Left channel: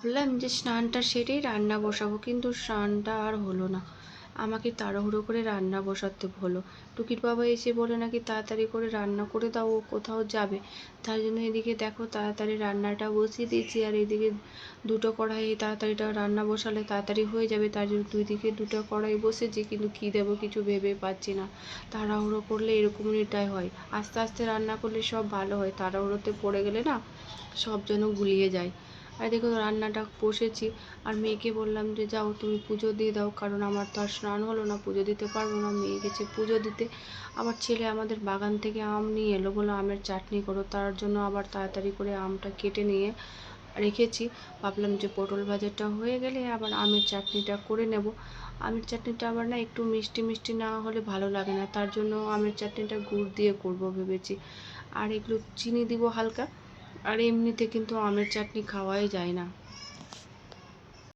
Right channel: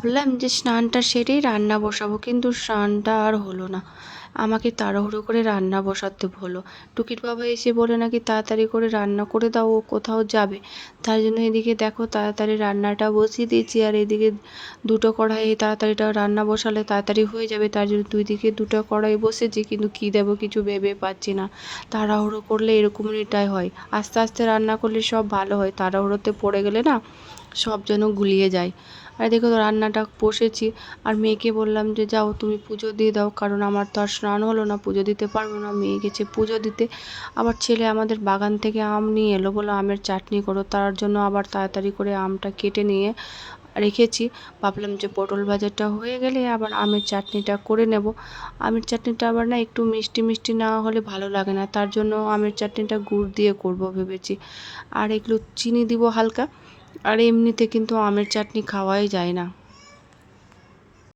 ভাবলাম যে স্নানটা সেরেই রান্না বসাবো, কিন্তু স্নানটা আর হলো না। আমাকে তাড়াহুড়ো করে রান্না বসাতে হলো। টুকির বাবা এসে বলে নাকি তাড়াতাড়ি করে রান্না করে দাও, ও কোথাও যাবে। তার জন্য এদিকে দেখো তাড়াতাড়ি রান্নাটা বসিয়ে দিয়েছি, আর এদিকে দুটো কড়াই তাড়াতাড়িটা রান্না বসালে তাড়াতাড়ি হয়ে যাবে, তার জন্য দুই দিকে দুটো কড়াই বসেছি, কিন্তু কী দেবো কিছু ভেবে পাচ্ছি না। তাড়াহুড়ো করলে এরকমটাই হয়, আস্তে আস্তে রান্না করলে সব ভালো হয়, তাড়াহুড়োতে পড়ে গেলে না সব যেন গুলিয়ে যায়। আর দেখো রান্নাটা বসেছি, আর মেয়েকে বললাম যে যাও তুমি পুজো দিয়ে দাও, কারণ আমার তো আর স্নান হলো না, পুজো দিতে পারবো না। মেয়ে গেছে পুজো দিতে। আবার ছেলে আমাদের বাগান থেকে আম নিয়ে এলো, বলো আমের চাটনি করো, তার জন্য আবার তাড়াতাড়ি করে আমটা কেটে নিয়ে রেখেছি। ভাবলাম যে পটল ভাজাটা হয়ে গেলে আবার আমের চাটনিটা করে নেব। আমের চাটনিটা আবার না একটু মিষ্টি মিষ্টি না হলে ভালো লাগে না, তার জন্য আমের চাটনিটা গুড় দিয়ে করব ভেবেছি, আর এগুলো চিনি দিব হালকা। আর এমনিতে কিন্তু আমের চাটনি খাওয়াই যায় না।